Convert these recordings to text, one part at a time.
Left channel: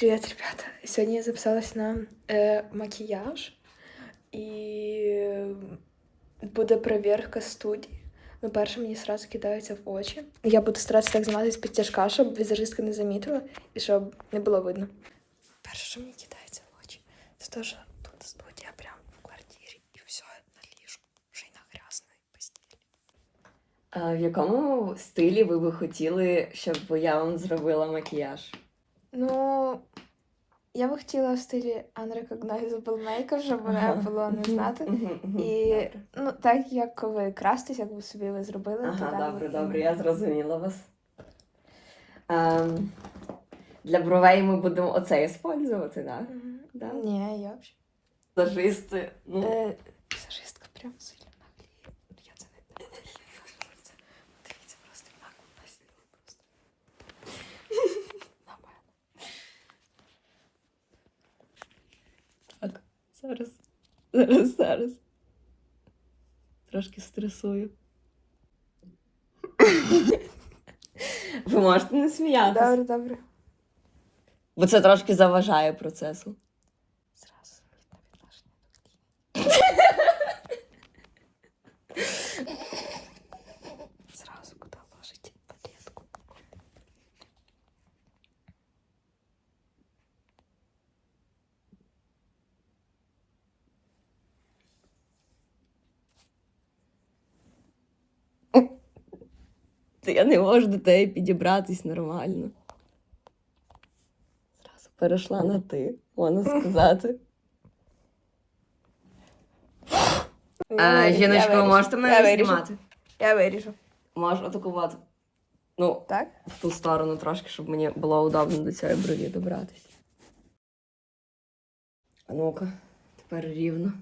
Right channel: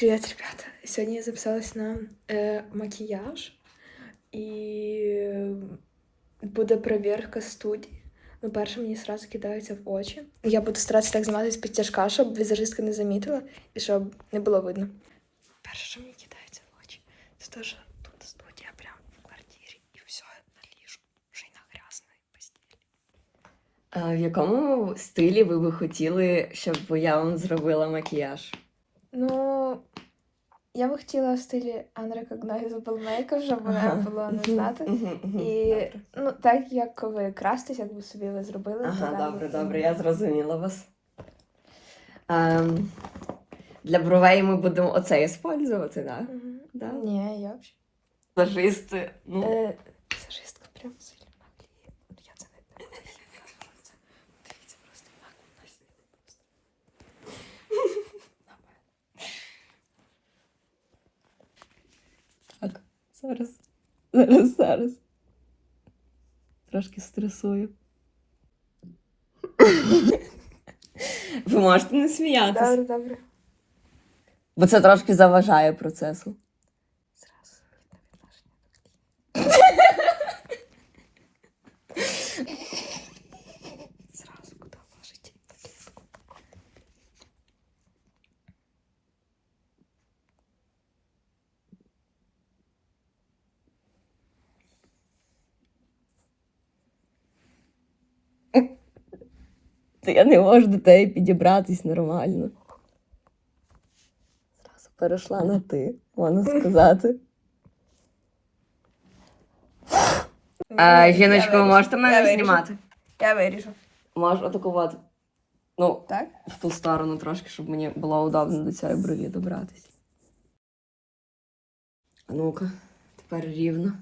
Привет, ребята! Сегодня я записалась на е, макіяж і буде перевірка студії. Ну, перше, мені сразу кидається в очі. Я буду старатися так зніматися підтяжка, щоб візажистка не замітила і щоб не було видно. Перше, що мені кидається в очі, це те, що тут студія прямо в квартирі, і все на ліжку, вже й на грязної постілі. В якому стилі ви би хотіли, щоб я вам зробила макіяж? Ну, я би хотіла в стилі unrecognizable makeup, щоб мене було не знати. І ну, так як ви крастись, якби собі ви зробили, то Ага, так добре, добре, я зрозуміла вас. Ем, для бровей ми будемо оце використовувати, так? Да. Ні, я взагалі. Лажисти. Ну, Е, Візажистка прям сильно нагліє. Я це не дивлюся. Дивіться просто як вона сіла просто. так, зараз. Зараз, зараз. Трошки стресую. Ви можете не сміятися. Добре, добре. Бо це трошки заважає процесу. Зразу видно відношення до клієнта. Зразу куди ложить таблетку. Та я не можу до тебе підібратись нормально. Зразу перейшла на ти, можна сказати. А, жіночко, ви можете мене виріжу. знімати? Я виріжу. Можеш отаку от. Ну, Так? в ту сторону трошки, щоб мені було удобно до цієї брові добратися. А Ну-ка, тепер рівно.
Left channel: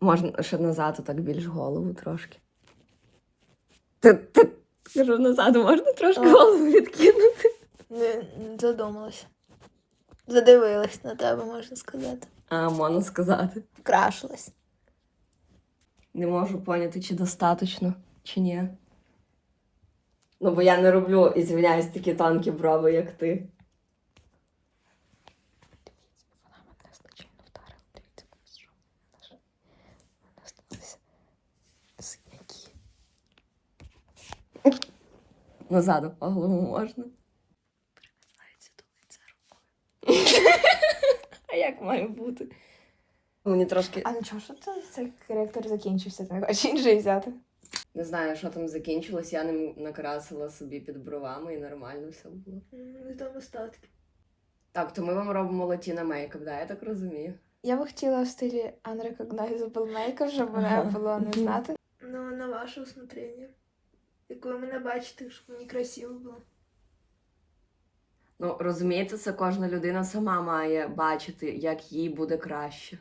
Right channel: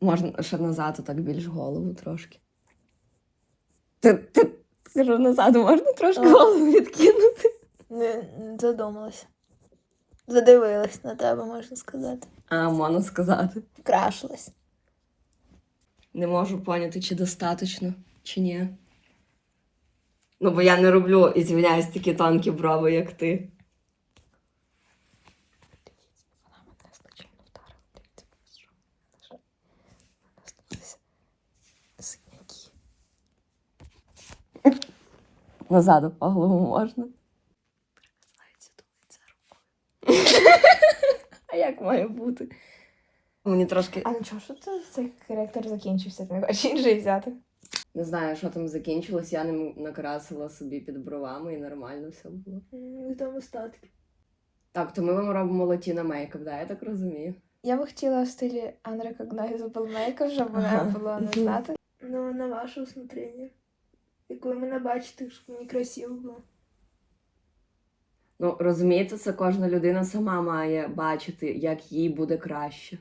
Можна ще назад, так більш голову трошки. Кажу, назад можна трошки А. голову відкинути. Не, не задумалася. Задивилась на тебе, можна сказати. А, можна сказати. Вкрашилась. Не можу поняти, чи достатньо, чи ні. Ну, бо я не роблю, і звільняюсь такі тонкі брови, як ти. Вона мене злочинно вдарила. Дивіться, що вона ж- вона сталися синяки. Назад по голову можна. Прикасається до лиця рукою. А як має бути? Мені трошки А нічого, що це цей коректор закінчився, ти не хочеш інший взяти? не знаю, що там закінчилось. Я ним накрасила собі під бровами і нормально все було. Там остатки. Так, то ми вам робимо латіна мейкап, да, я так розумію. Я би хотіла в стилі unrecognizable makeup, щоб мене було не знати. Ну, на ваше усмотрення. Як ви мене бачите, щоб мені красиво було. Ну, розумієте, це кожна людина сама має бачити, як їй буде краще.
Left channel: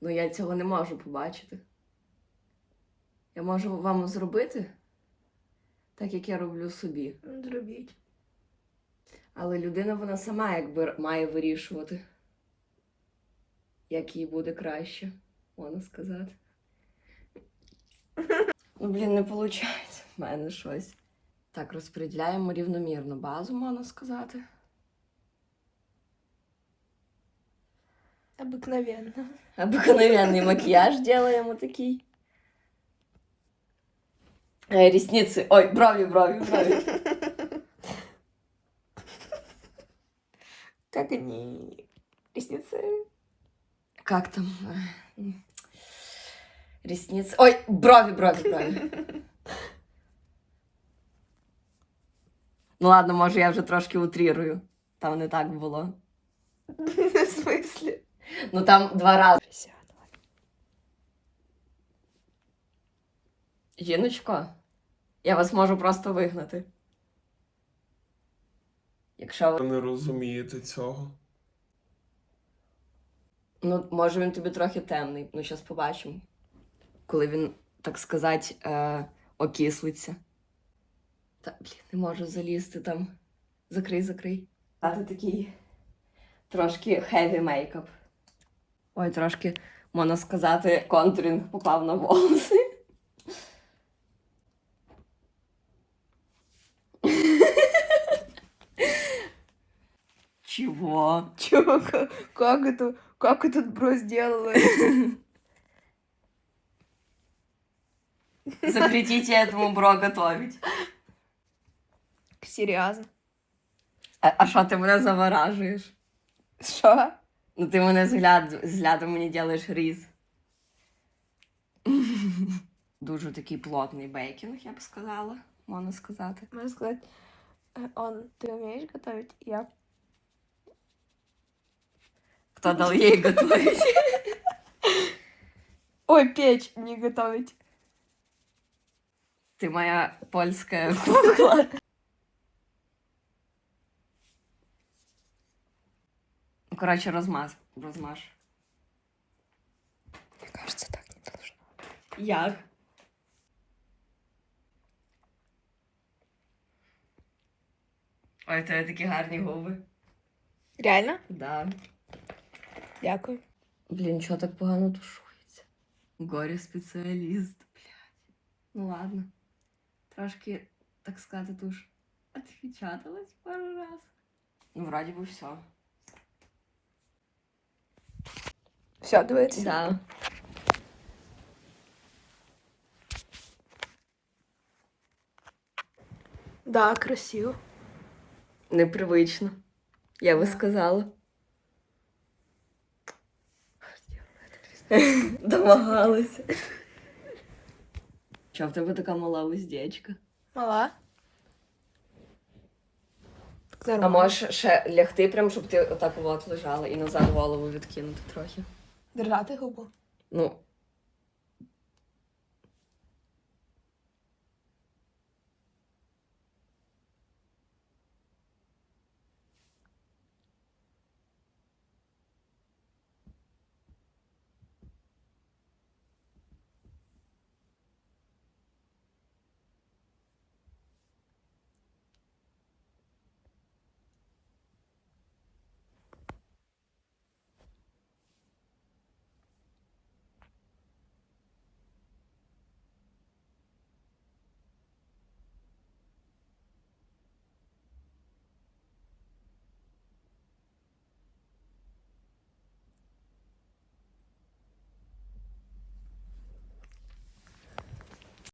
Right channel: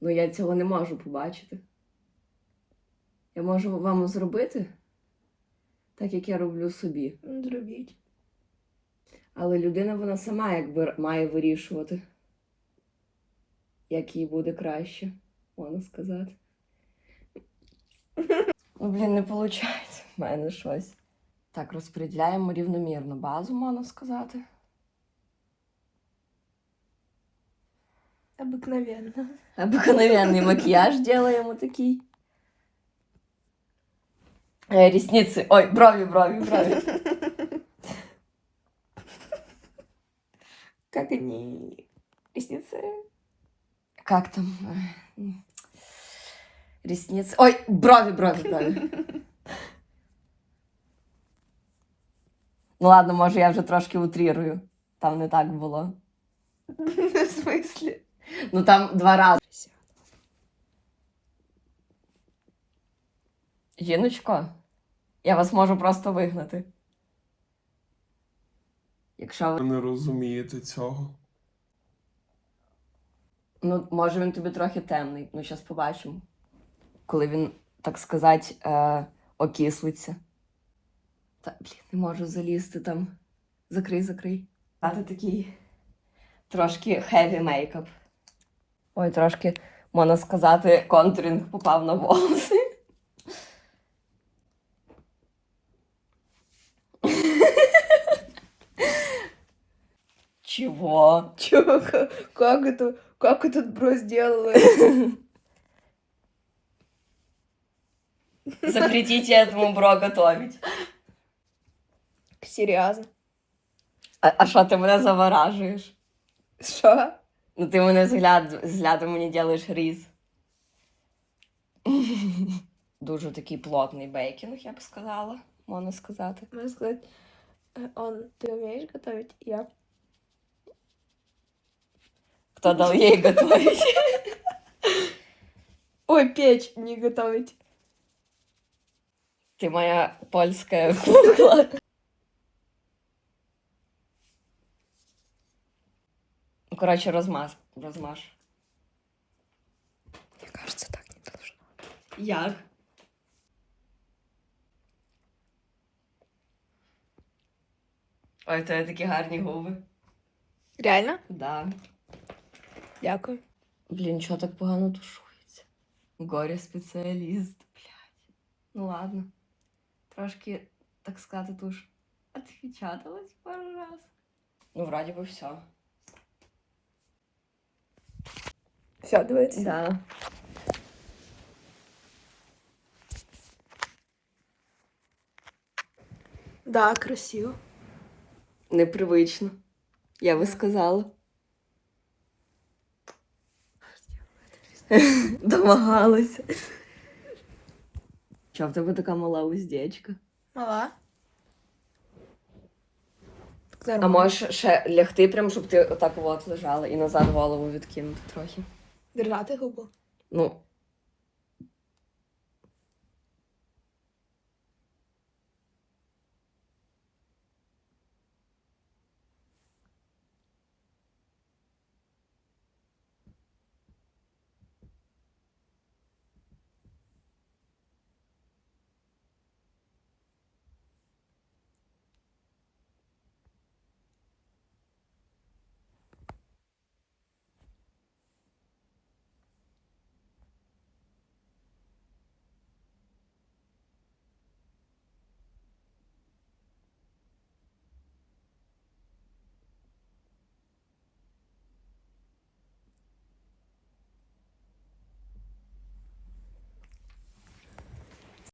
Ну, я цього не можу побачити. Я можу вам зробити так, як я роблю собі. Зробіть. Але людина вона сама якби має вирішувати, як їй буде краще, можна сказати. Ну, блін, не виходить в мене щось. Так, розподіляємо рівномірно базу, можна сказати. Обыкновенно. Обыкновенный макияж делаем вот такие. Э, ресницы. Ой, брови, брови, брови. Как они... Ресницы? Как там? э, м, Ресницы. Ой, брови, брови, брови. Ну ладно, може я вже трошки утрірую. Там не так було. В смысле? Ну там два рази. Жіночко, я вас можу просто вигнати. Якщо ви Ви не розумієте цього. Ну, може, він тобі трохи темний. Ну, зараз побачимо. Коли він, так сказати, е, окислиться. Та, блін, не можу залізти там. Закрий, закрий. А це такий трошки хеві мейкап. Ой, трошки, можна сказати, контуринг попав на волоси. Чого? Чего? Как это? Как этот бро сделала? Запретите этому бро готовить. Серьезно? А, а що ти мене заворажуєш? Що? Ну ти мене взгляд, взглядом мені ділиш різ. Дуже такий плотний бейкінг, я б сказала, можна сказати. Можно сказать, э, он, ты умеешь готовить? Я. Хто дав їй готувати? Ой, печь не готовить. Ти моя польська кукла. Ну, Коротше, розмаз. Розмаж. Мне кажется, так не должно. Як? Ой, тебе такі гарні губи. Реально? Да. Дякую. Блін, чого так погано тушується? Горі спеціаліст, блядь. Ну ладно. Трошки, так сказати, туш отпечаталась пару раз. Ну, вроді би все. Все, дивиться. Да. Да, красиво. Непривично. Я би сказала. Домагалася. Чого в тебе така мала уздечка? Мала. Так А можеш ще лягти, прям, щоб ти отак от лежала і назад голову відкинути трохи. Держати губу. Ну,